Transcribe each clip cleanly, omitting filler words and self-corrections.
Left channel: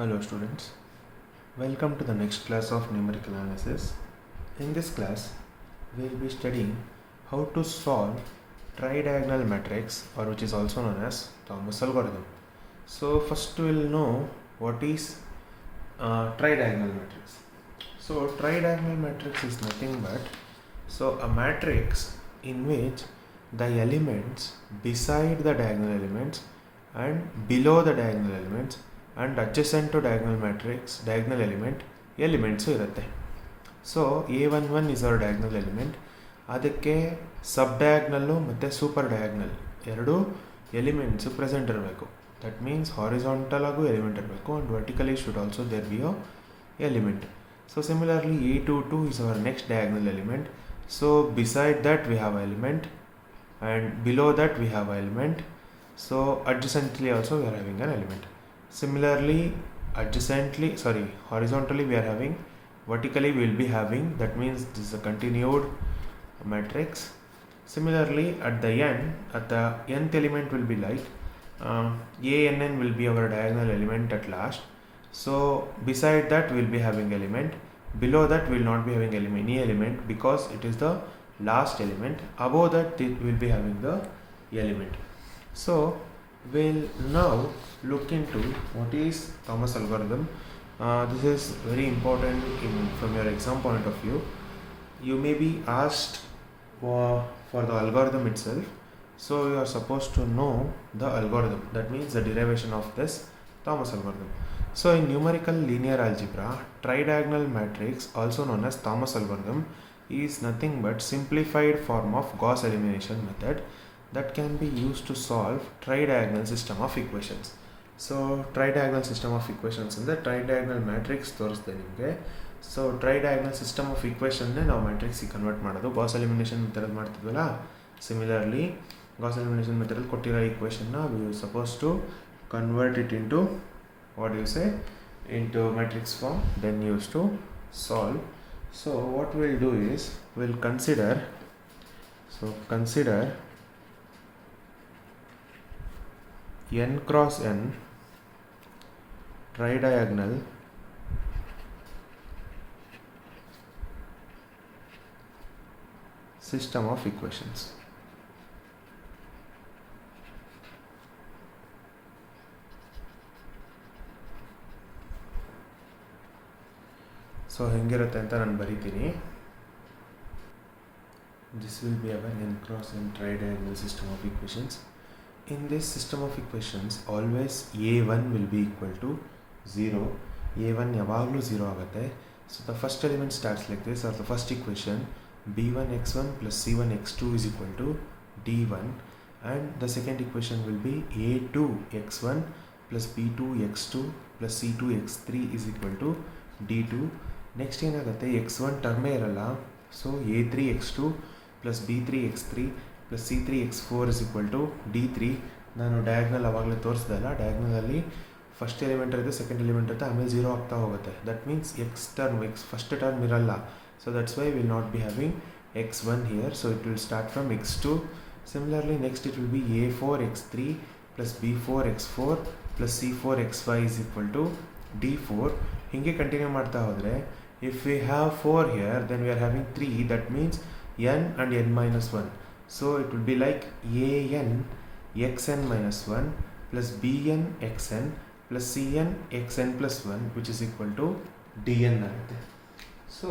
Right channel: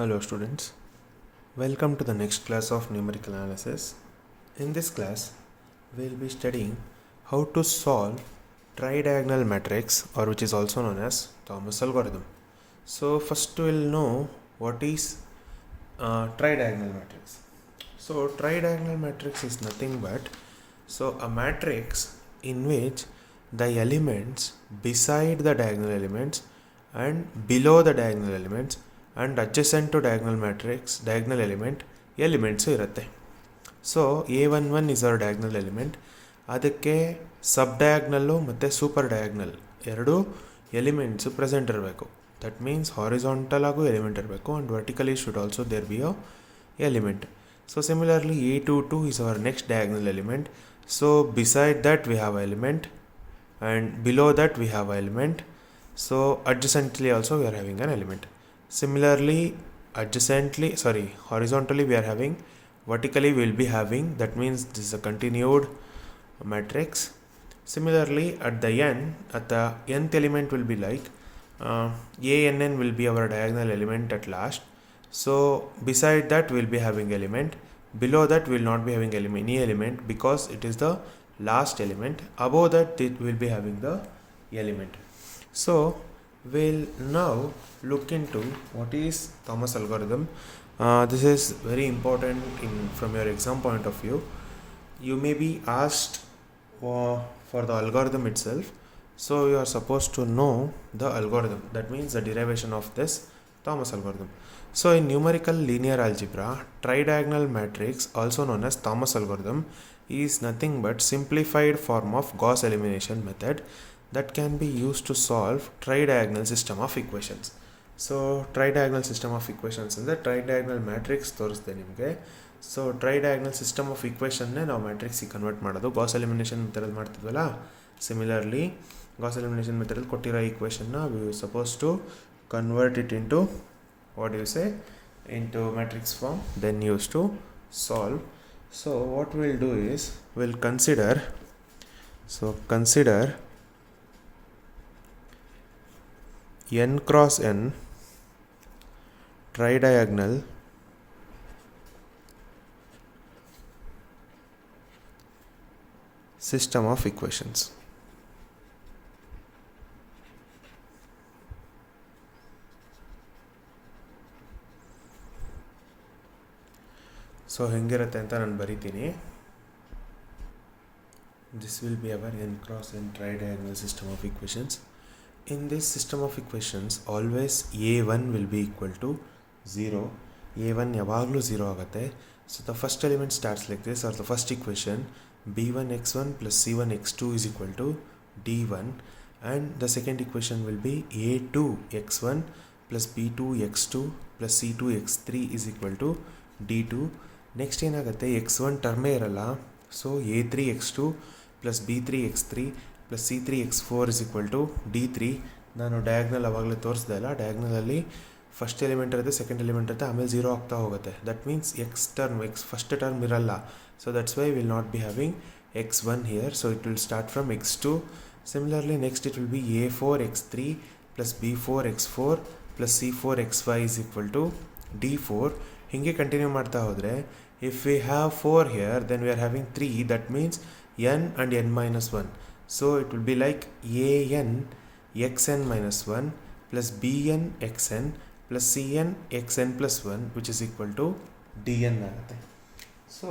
Hello students, welcome to the next class of numerical analysis. In this class, we will be studying how to solve tridiagonal matrix, or which is also known as Thomas algorithm. So first we will know what is tridiagonal matrix. So tridiagonal matrix is nothing but a matrix in which the elements beside the diagonal elements and below the diagonal elements and adjacent to diagonal elements ಇರುತ್ತೆ. So A11 is our diagonal element. ಅದಕ್ಕೆ sub diagonal ಮತ್ತು super diagonal ಎರಡು elements present ಇರಬೇಕು. That means horizontal ಆಗು element ಇರಬೇಕು and vertically should also there be a element. So similarly A22 is our next diagonal element. So beside that we have an element and below that we have an element. So adjacently also we are having an element. Similarly horizontally we are having, vertically we will be having, that means this is a continued matrix. Similarly at the nth element will be like ANN will be our diagonal element at last. So beside that we will be having element, below that we will not be having any element because it is the last element. Above that we will be having the element. So we'll now look into what is Thomas algorithm. This is very important from your exam point of view. You may be asked for the algorithm itself, so you are supposed to know the algorithm, that means the derivation of this Thomas algorithm. So in numerical linear algebra, tridiagonal matrix, also known as Thomas algorithm, is nothing but simplified form of Gauss elimination method that can be used to solve tridiagonal system of equations. So tridiagonal system of equations ಅಂದರೆ tridiagonal matrix ತೋರಿಸ್ದೆ ನಿಮಗೆ. So tridiagonal system of equationನೇ ನಾವು ಮ್ಯಾಟ್ರಿಕ್ಸಿಗೆ convert ಮಾಡೋದು. Gauss elimination ಮೆಥಡಲ್ಲಿ ಮಾಡ್ತಿದ್ವಲ್ಲ, similarly Gauss elimination ಮೆಥಡಲ್ಲಿ ಕೊಟ್ಟಿರೋ ಈಕ್ವೇಷನ್ನ we suppose to convert it into into matrix form, then use to solve. So what we'll do is we'll consider n cross n tridiagonal system of equations. So ಹೆಂಗಿರುತ್ತೆ ಅಂತ ನಾನು ಬರಿತೀನಿ. This will be our n cross n tridiagonal system of equations. In this system of equations, always A1 will be equal to 0. A1 ಯಾವಾಗಲೂ 0 ಆಗುತ್ತೆ. So the first element starts like this, or the first equation, b1x1 plus c1x2 is equal to d1, and the second equation will be a2x1 plus b2x2 plus c2x3 is equal to d2. Next ಏನಾಗುತ್ತೆ, x1 ಟರ್ನೇ ಇರಲ್ಲ. So a3x2 plus b3x3 plus c3x4 is equal to d3. ನಾನು diagonal ಅವಾಗಲೇ ತೋರಿಸ್ದೆ ಅಲ್ಲ, ಡಯಾಗ್ನಲಲ್ಲಿ first element ಇರುತ್ತೆ, second element ಇರುತ್ತೆ, ಆಮೇಲೆ 0 ಆಗ್ತಾ ಹೋಗುತ್ತೆ. That means x first term ಇರಲ್ಲ. So that's why will not be having x1 here. So it will start from x2. Similarly next it will be a4x3 plus b4x4 plus c4xy is equal to d4. ಹೀಗೆ continue ಮಾಡ್ತಾ ಹೋದರೆ, if we have 4 here, then we are having 3, that means n and n minus 1. So it will be like an xn minus 1 plus bn xn plus cn xn plus 1, which is equal to dn. So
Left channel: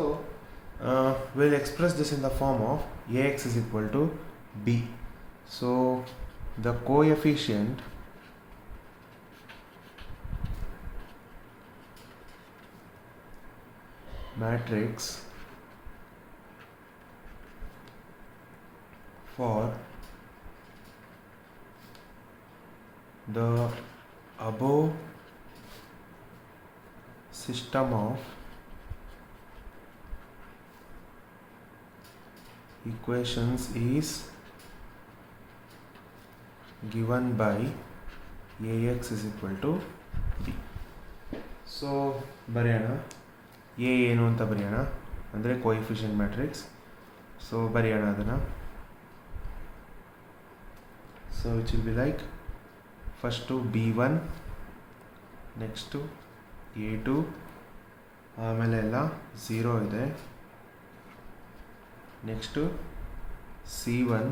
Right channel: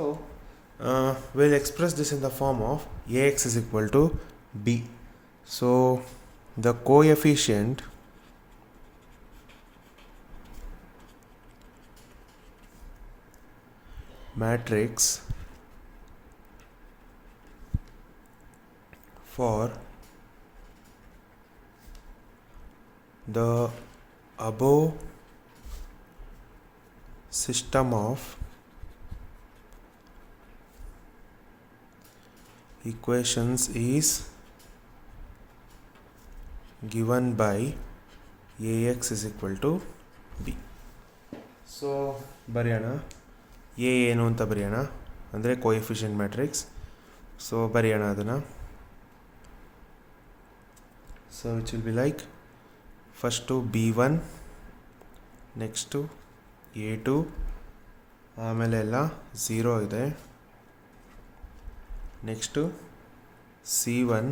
we'll express this in the form of ax is equal to b. So the coefficient matrix for the above system of equations is given by ax is equal to b. So ಬರೆಯೋಣ, A ಏನು ಅಂತ ಬರೆಯೋಣ, ಅಂದರೆ coefficient matrix. So ಬರೆಯೋಣ ಅದನ್ನು. So it will be like first b1, next A2 ಆಮೇಲೆ ಎಲ್ಲ 0 ಇದೆ. ನೆಕ್ಸ್ಟು C1,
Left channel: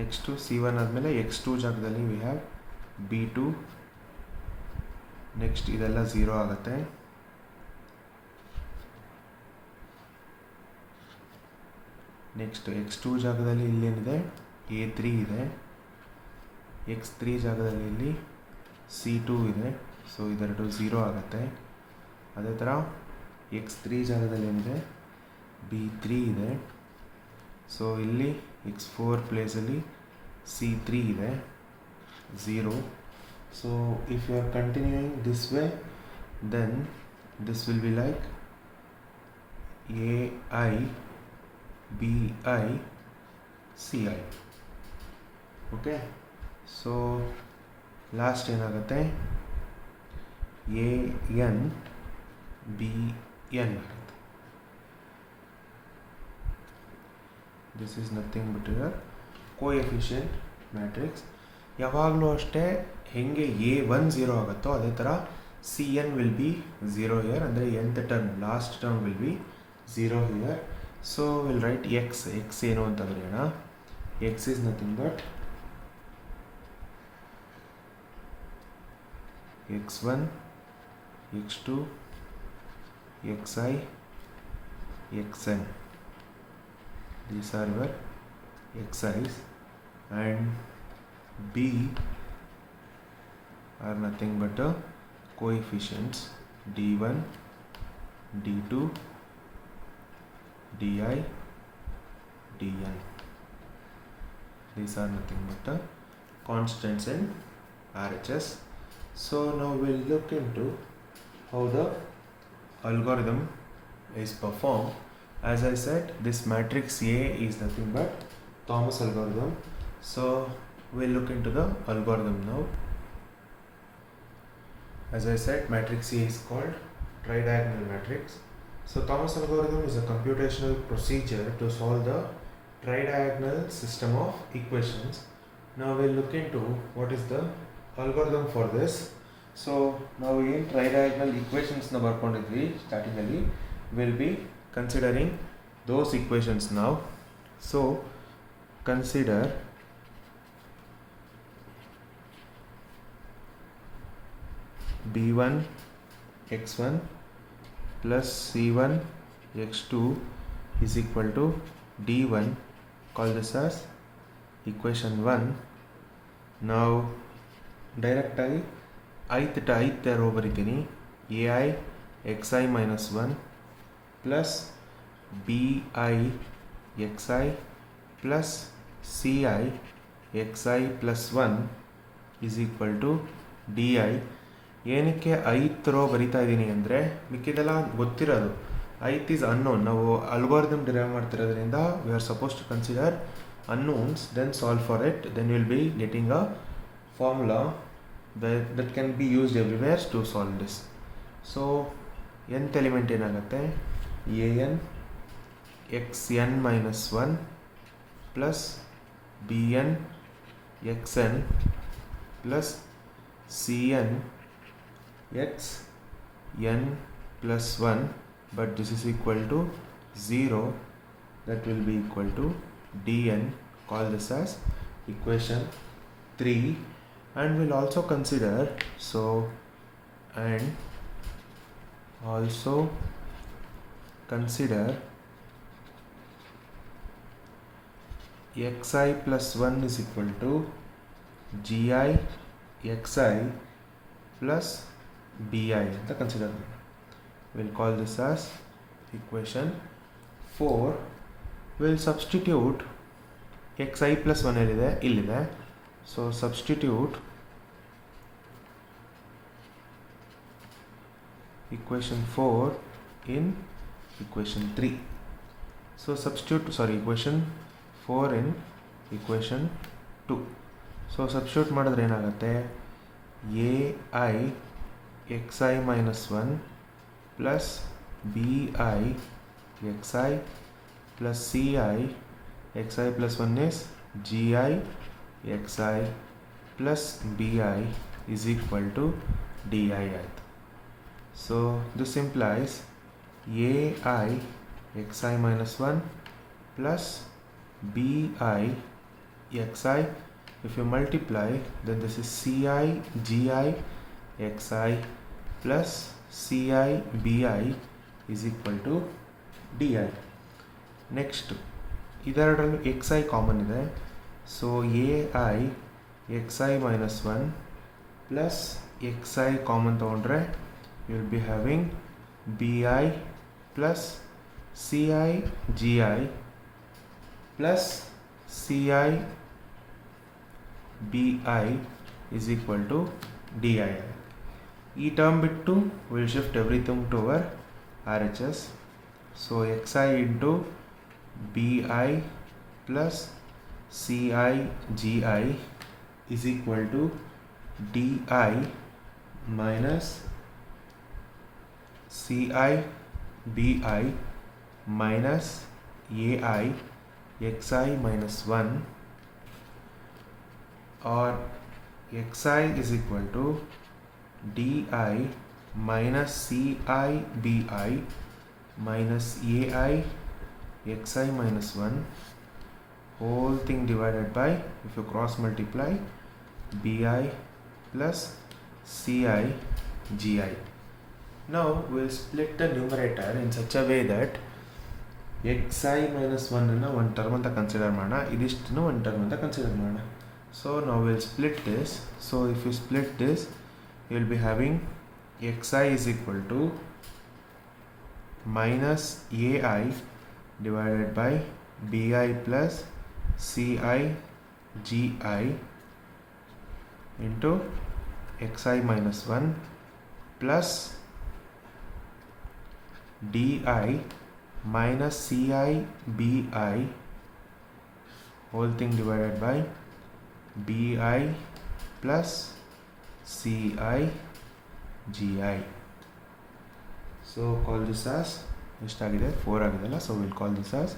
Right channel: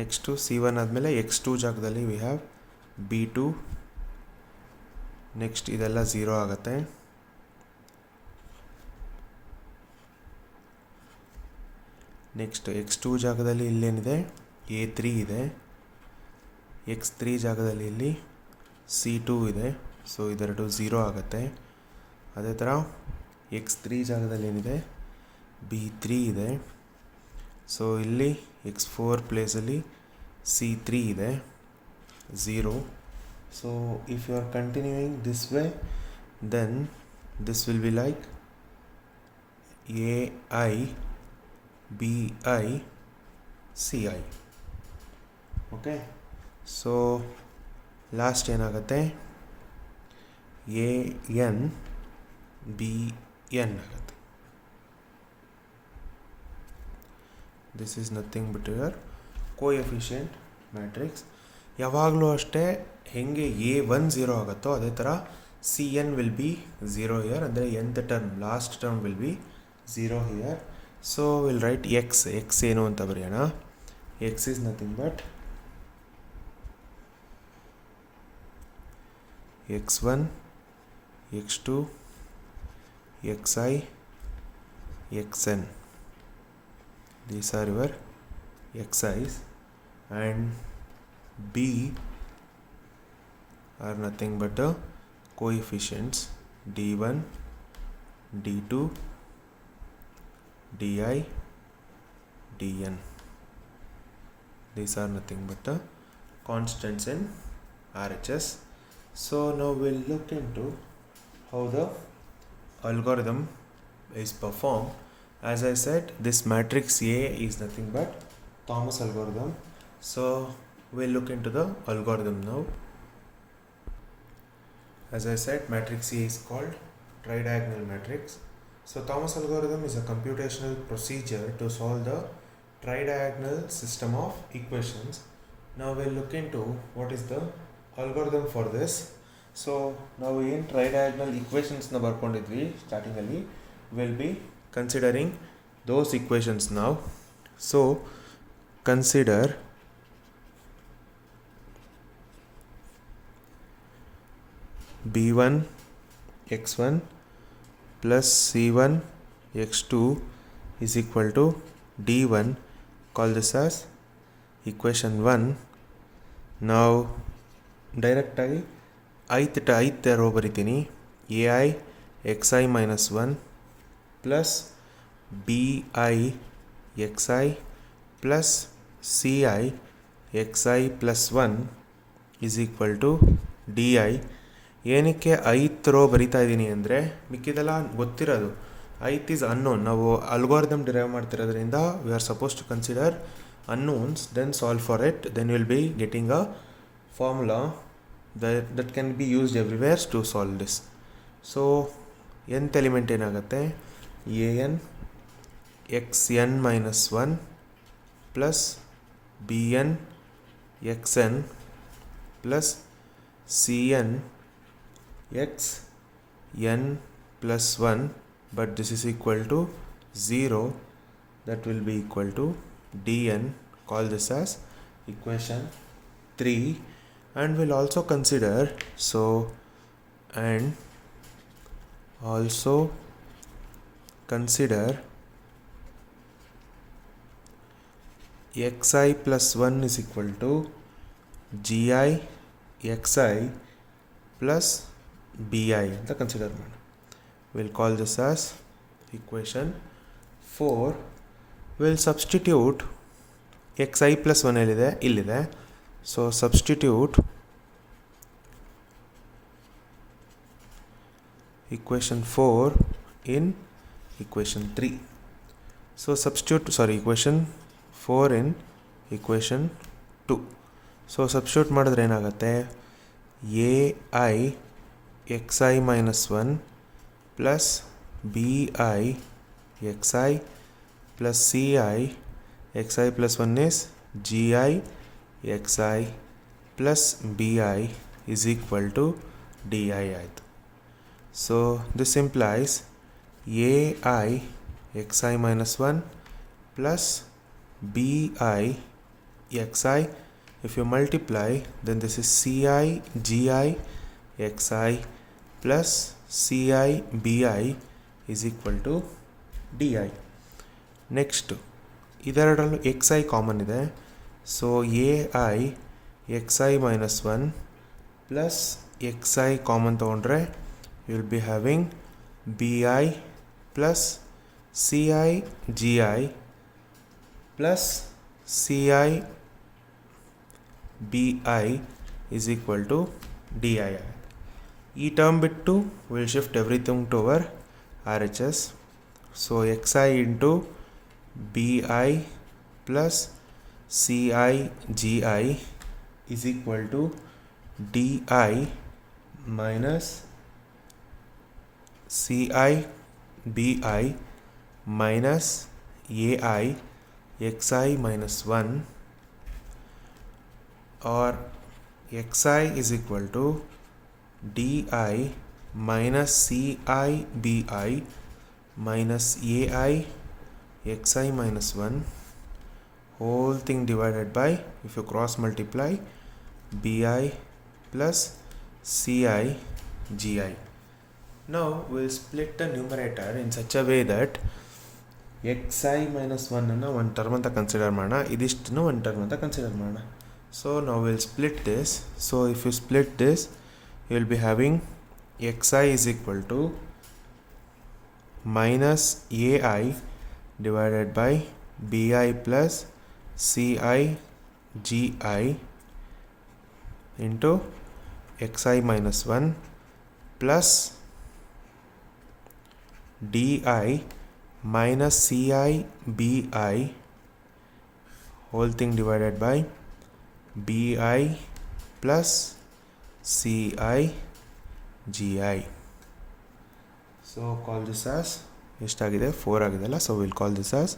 ನೆಕ್ಸ್ಟು C1 ಆದಮೇಲೆ X2 ಜಾಗದಲ್ಲಿ ವಿ ಹ್ಯಾವ್ B2. ನೆಕ್ಸ್ಟ್ ಇದೆಲ್ಲ 0 ಆಗುತ್ತೆ. ನೆಕ್ಸ್ಟ್ X2 ಜಾಗದಲ್ಲಿ ಇಲ್ಲೇನಿದೆ A3 ಇದೆ. X3 ಜಾಗದಲ್ಲಿ ಇಲ್ಲಿ C2 ಇದೆ. ಸೊ ಇದೆರಡು 0 ಆಗುತ್ತೆ. ಅದೇ ಥರ X3 ಜಾಗದಲ್ಲಿ ಏನಿದೆ B3 ಇದೆ. ಸೊ ಇಲ್ಲಿ X4 ಪ್ಲೇಸಲ್ಲಿ C3 ಇದೆ 0. So if you are continuing this way then this will be like AI BI CI. Okay, so last ಏನಾಗುತ್ತೆ AN BN ಆಗುತ್ತೆ. This is nothing but your coefficient matrix. ಯಾವಾಗಲೂ ಅಷ್ಟೇ ಹೆಂಗೆ A1 0 ಆಗುತ್ತೋ ಅದೇ ಥರ CN ವಿಲ್ ಬಿ 0 ಹಿಯರ್, ಅಂದರೆ nth term last term will be 0 here. So will write x ಏನು ಅಂತ ಬರೆಯೋಣ. X is nothing but X1 X2 Xi Xn. These are your Xi's, and B are nothing but the coefficients D1 D2 Di Dn. These are nothing but the constants in RHS. So now we'll look into how the algorithm is performed. As I said, this matrix A is nothing but Thomas algorithm. So we'll look into the algorithm now. As I said, matrix A is called tridiagonal matrix. So Thomas algorithm is a computational procedure to solve the tridiagonal system of equations. Now we'll look into what is the algorithm for this. So now in tridiagonal equations na barkondidvi starting alli, we'll be considering those equations now. So consider B1 X1 plus C1 X2 is equal to D1. Call this as equation 1. Now direct ಆಗಿ ಐತ್ rho ಬರಿತೀನಿ. AI xi minus 1 plus BI xi plus CI xi plus 1 is equal to DI. ಏನಕ್ಕೆ ಐತ್ rho ಬರಿತಾ ಇದ್ದೀನಿ ಅಂದರೆ ಮಿಕ್ಕಿದೆಲ್ಲ ಗೊತ್ತಿರೋದು. Ith is unknown. ನಾವು ಅಲ್ಗೋರಿದಮ್ ಡಿರೈವ್ ಮಾಡ್ತಿರೋದ್ರಿಂದ we are suppose to consider unknowns, then solve for it, then you will be getting a formula that can be used everywhere to solve this. So nth element ಏನಾಗುತ್ತೆ an xn minus 1 plus bn xn plus cn xn plus 1, but this is equal to 0. That will be equal to dn. Call this as equation 3. And we'll also consider xi plus 1 is equal to gi xi plus bi ಅಂತ consider ಮಾಡೋಣ. We'll call this as equation 4. We'll substitute xi plus 1 ಇಲ್ಲಿದೆ. So substitute equation 4 in equation 3. So substitute equation 4 in equation 2. So substitute ಮಾಡಿದ್ರೆ ಏನಾಗುತ್ತೆ ai xi minus 1 plus bi xi plus ci xi plus 1 is gi xi plus bi is equal to di ಆಯಿತು. So this implies ai xi minus 1 plus bi xi. If you multiply, then this is ci gi xi plus ci bi is equal to di. Next, ಇದೆರಡರಲ್ಲೂ xi common ಇದೆ. So ai xi minus 1 plus xi common ತೊಗೊಂಡ್ರೆ you will be having bi plus ci gi plus ci bi is equal to di. ಈ term ಬಿಟ್ಟು we'll shift everything to our RHS. So xi into bi plus ci gi is equal to di minus ci bi minus ai xi minus 1, or xi is equal to di minus ci bi minus ai xi minus 1, whole thing divided by, if you cross multiply, bi plus ci gi. Now we'll split the numerator in such a way that xi minus 1 ಅನ್ನು ಒಂದು term ಅಂತ consider ಮಾಡೋಣ, ಇದಿಷ್ಟನ್ನು ಒಂದು term ಅಂತ consider ಮಾಡೋಣ. So now we'll split this. So if you split this, you will be having xi is equal to minus ai divided by bi plus ci gi into xi minus 1 plus di minus ci bi, whole thing divided by bi plus ci gi. So call this as ಎಷ್ಟಾಗಿದೆ 4 ಆಗಿದೆಲ್ಲ. So we'll call this as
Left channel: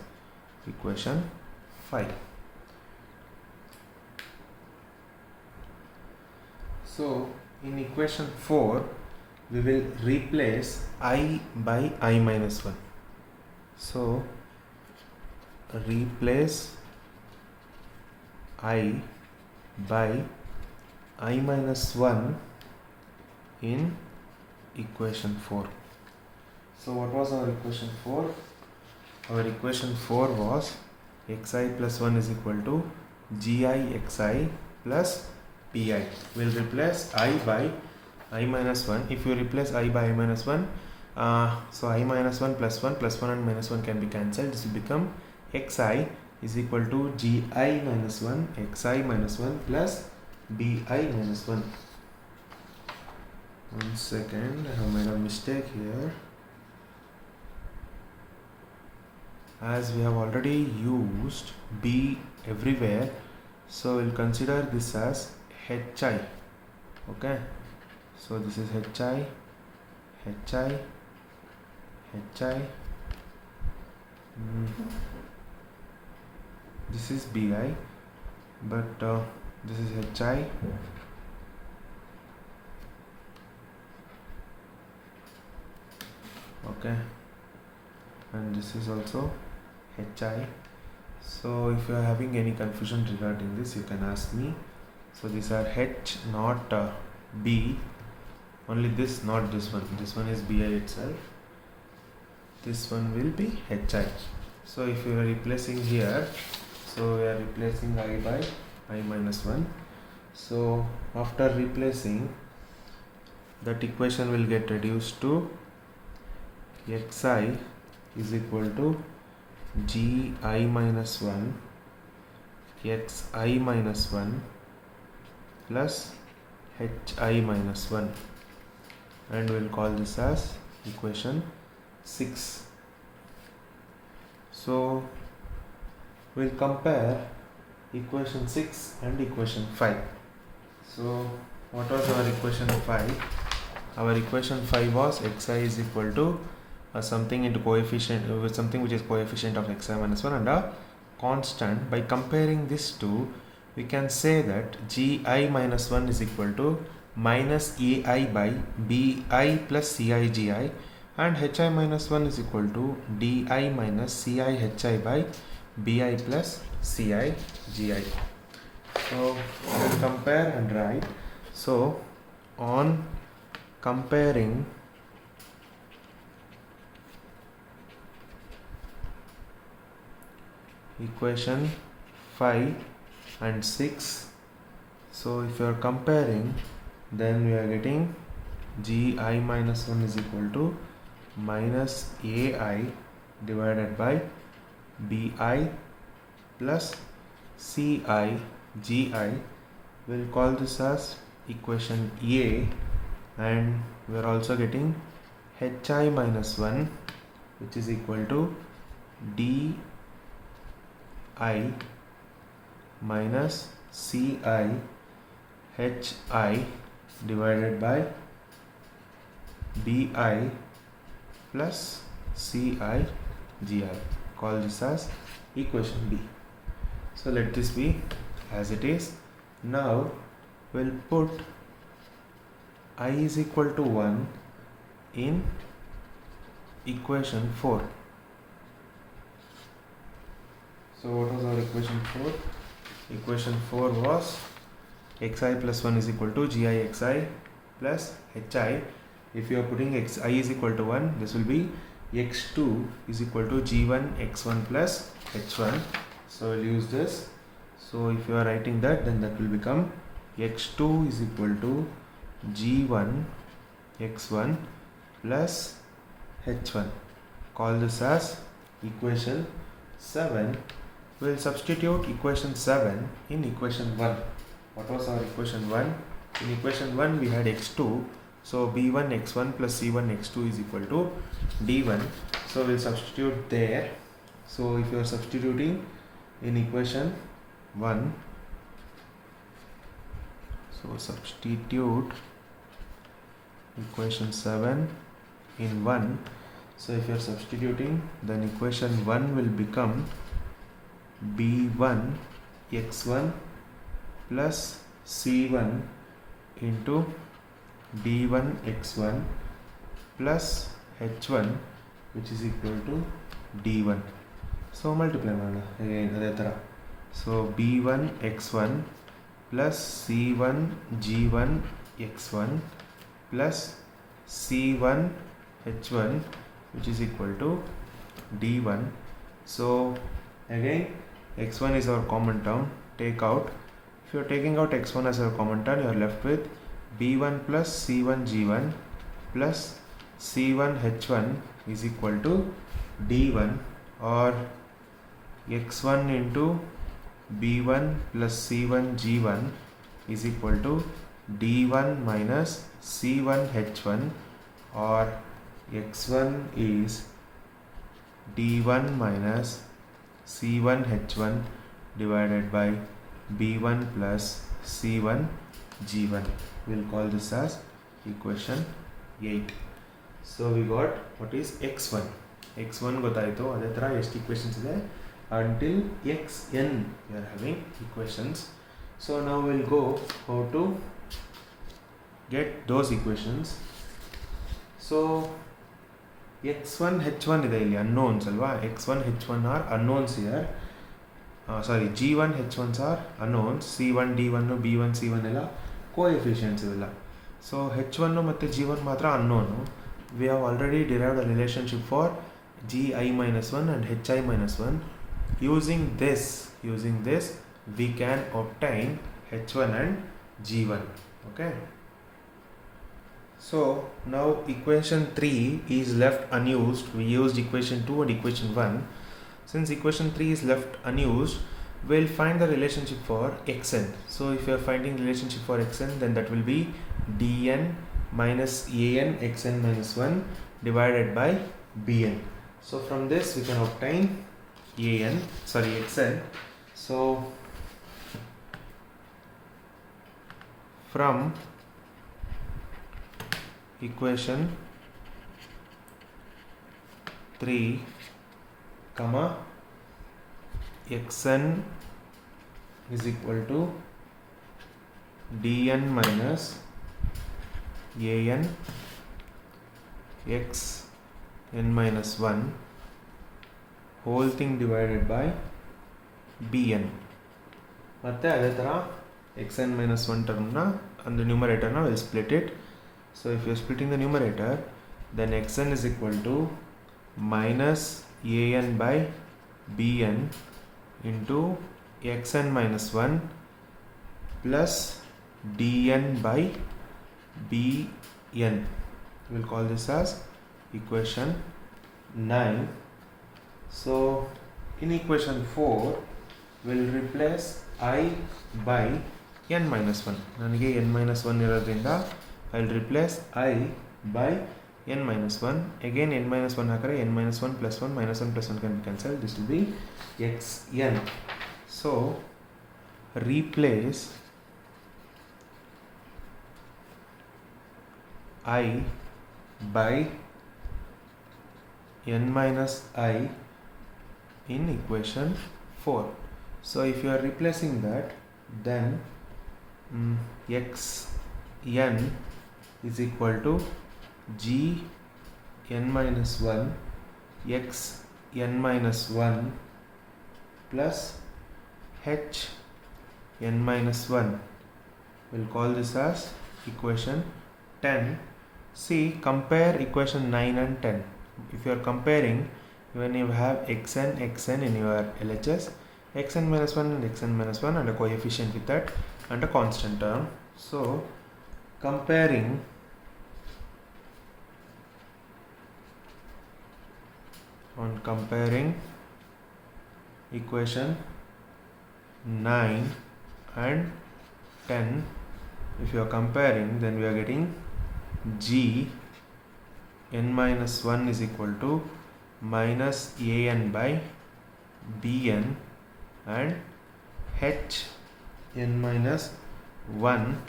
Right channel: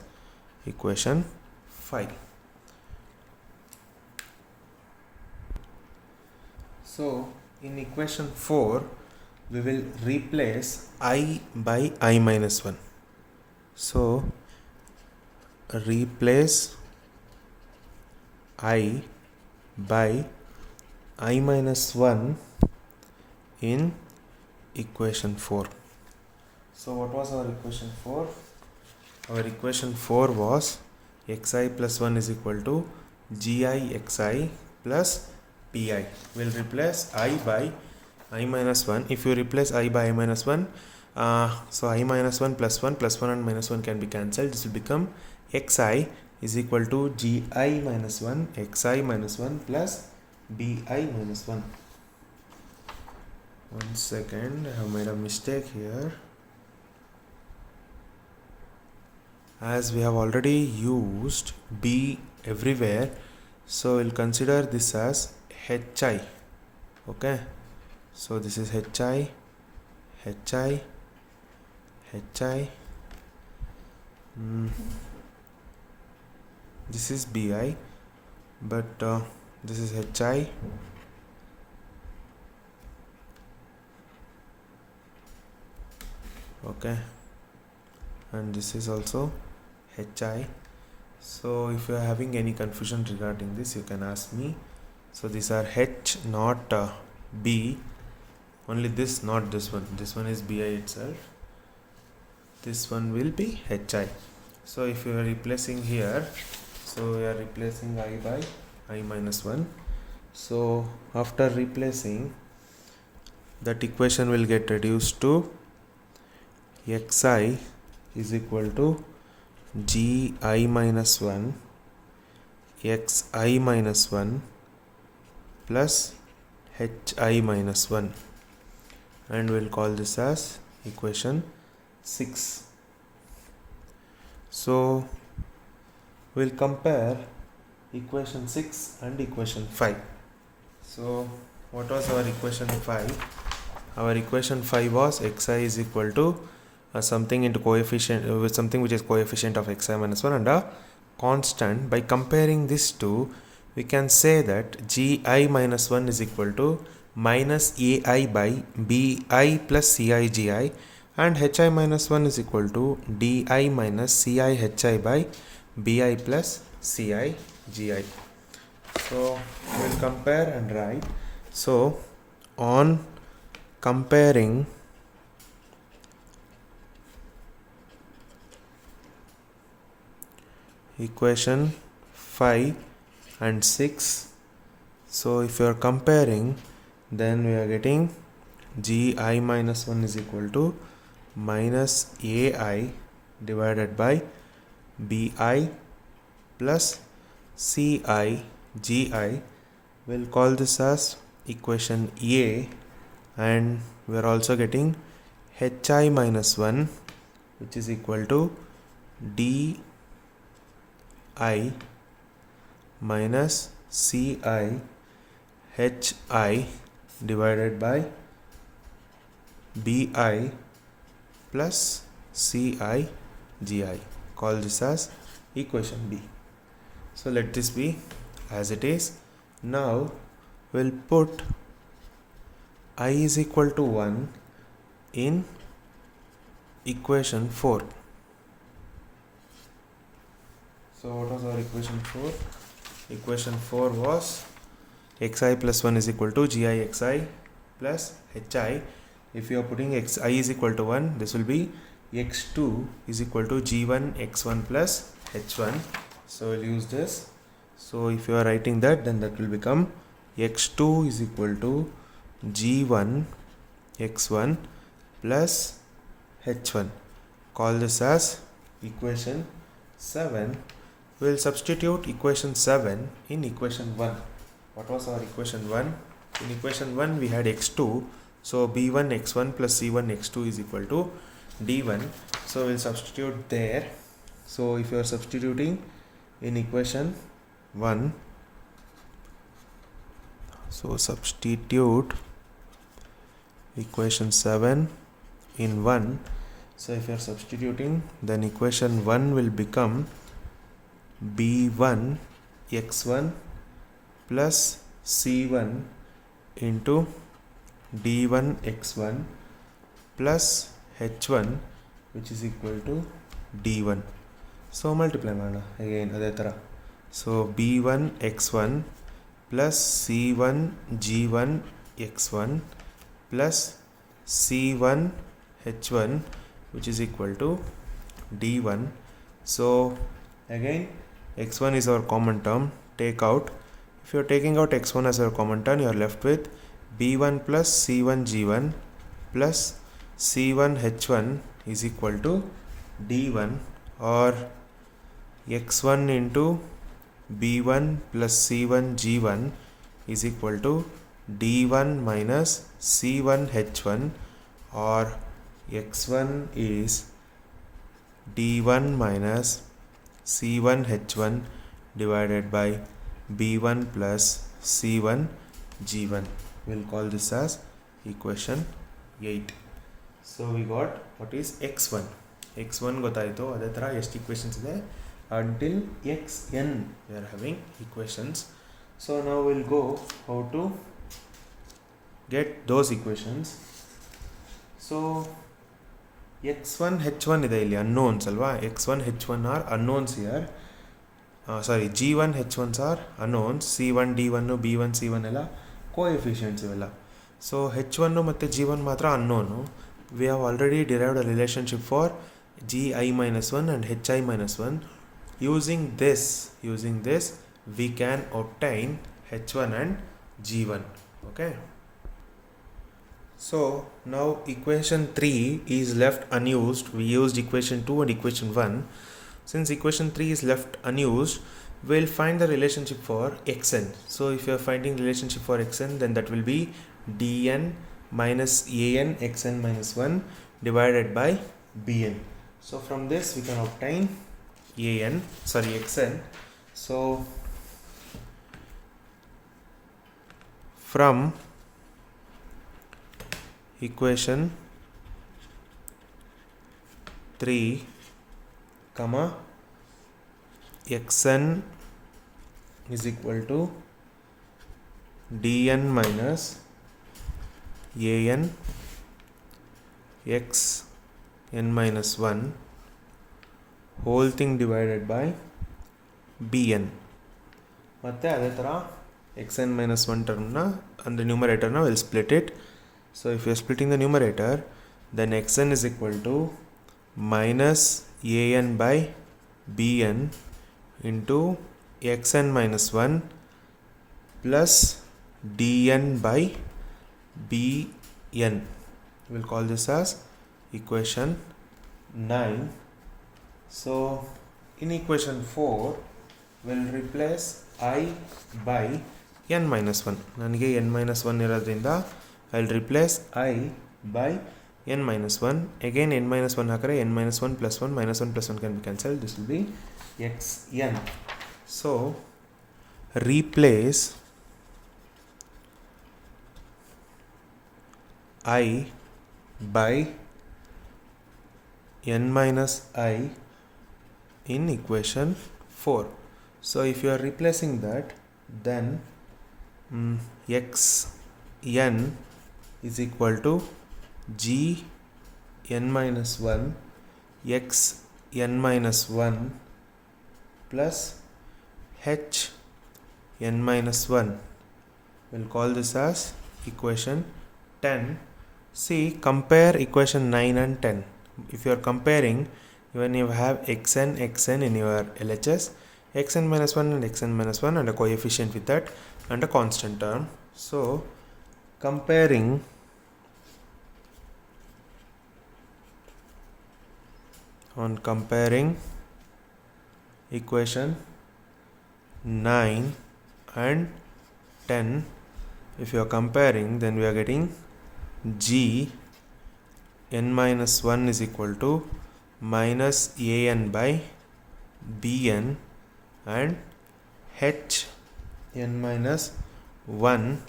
equation 5. So in equation 4 we will replace I by I minus 1. So replace I by I minus 1 in equation 4. So what was our equation 4? Our equation 4 was xi plus 1 is equal to gi xi plus ti. We'll replace I by I minus 1. If you replace I by I minus 1, so I minus 1 plus 1 and minus 1 can be cancelled. This will become xi is equal to gi minus 1 xi minus 1 plus bi minus 1. One second, I have made a mistake here. As we have already used b everywhere, so we'll consider this as hi. Okay, so this is hi. This is bi, but this is hi. Okay, and this is also hi. So if you are having any confusion regarding this, you can ask me. So these are h, not b. Only this, not this one. This one is bi itself. This one will be hi. So if you are replacing here, so we are replacing I by I minus 1. So after replacing, that equation will get reduced to xi is equal to gi minus 1 xi minus 1 plus hi minus 1, and we'll call this as equation 6. So we'll compare equation 6 and equation 5. So what was our equation 5? Our equation 5 was xi is equal to something into coefficient with something which is coefficient of xi minus 1 and a constant. By comparing these two, we can say that gi minus 1 is equal to minus ai by bi plus ci gi, and hi minus 1 is equal to di minus ci hi by bi plus ci gi. So we'll compare and write. So on comparing equation 5 and 6, so if you are comparing, then we are getting gi minus 1 is equal to minus ai divided by bi plus ci gi. We'll call this as equation a, and we are also getting hi minus 1, which is equal to di minus ci hi divided by bi plus ci gi. Call this as equation b. So let this be as it is. Now we'll put I is equal to 1 in equation 4. So what was our equation 4? Equation 4 was xi plus 1 is equal to gi xi plus hi. If you are putting xi is equal to 1, this will be x2 is equal to g1 x1 plus h1. So we'll use this. So if you are writing that, then that will become x2 is equal to g1 x1 plus h1. Call this as equation 7. We'll substitute equation 7 in equation 1. What was our equation 1? In equation 1 we had x2, so b1 x1 plus c1 x2 is equal to d1. So we'll substitute there. So if you are substituting in equation 1, so substitute equation 7 in 1. So if you are substituting, then equation 1 will become b1 x1 plus c1 into d1 x1 plus h1, which is equal to d1. So multiply again adhe. So b1 x1 plus c1 g1 x1 plus c1 h1, which is equal to d1. So again x1 is our common term, take out. If you are taking out x1 as our common term, you are left with b1 plus c1 g1 plus c1 h1 is equal to d1, or x1 into b1 plus c1 g1 is equal to d1 minus c1 h1, or x1 is d1 minus c1 h1 divided by b1 plus c1 g1. We'll call this as equation 8. So we got what is x1. x1 ಗೊತ್ತಾಯಿತು. ಅದೇ ಥರ ಎಷ್ಟು equations ಇದೆ until xn we are having equations. So now we'll go how to get those equations. So x1 h1 ಇದೆ ಇಲ್ಲಿ unknowns ಅಲ್ವಾ. x1 h1 are unknowns here. g1 h1s are unknowns. c1 d1 b1 c1 ಎಲ್ಲ coefficients ಇವೆಲ್ಲ. So h1 ಮತ್ತು g1 ಮಾತ್ರ unknown. We have already derived a relationship for gi minus 1 and hi minus 1. Using this we can obtain h1 and g1. Okay. So now equation 3 is left unused. We used equation 2 and equation 1. Since equation 3 is left unused, we'll find the relationship for xn. So if you are finding relationship for xn, then that will be dn minus an xn minus 1 divided by bn. So from this we can obtain xn. So from equation 3 comma xn is equal to dn minus an x n minus 1 whole thing divided by bn. ಮತ್ತೆ ಅದೇ ಥರ xn minus 1 termನ and the numerator now will split it. So if you are splitting the numerator, then xn is equal to minus an by bn into xn minus 1 plus dn by bn. We'll call this as equation 9. So in equation 4 we'll replace I by n minus 1. ನನಗೆ n minus 1 ಇರೋದ್ರಿಂದ I'll replace I by n minus 1. Again n minus 1 ಹಾಕರೆ n minus 1 plus 1 minus 1 plus 1 can be cancelled. This will be xn. So replace I by n minus I in equation 4. So if you are replacing that, then xn is equal to g n minus 1 x n minus 1 plus h n minus 1. We'll call this as equation 10. See, compare equation 9 and 10. If you are comparing, when you have xn in your LHS, xn minus 1 and xn minus 1 and a coefficient with that and a constant term. So comparing equation 9 and 10, if you are comparing, then we are getting g n minus 1 is equal to minus an by bn and h n minus 1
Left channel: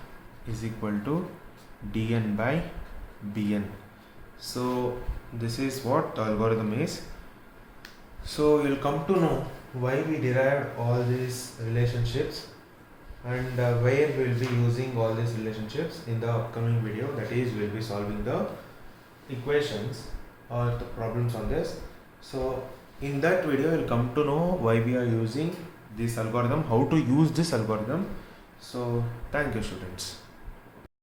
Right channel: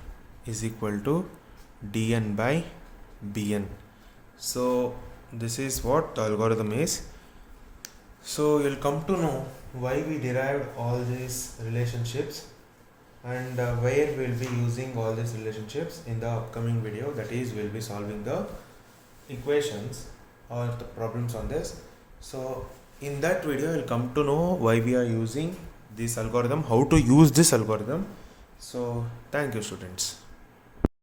is equal to dn by bn. So this is what the algorithm is. So we'll come to know why we derived all these relationships and where we'll be using all these relationships in the upcoming video. That is, we'll be solving the equations or the problems on this. So in that video we'll come to know why we are using this algorithm, how to use this algorithm. So thank you, students.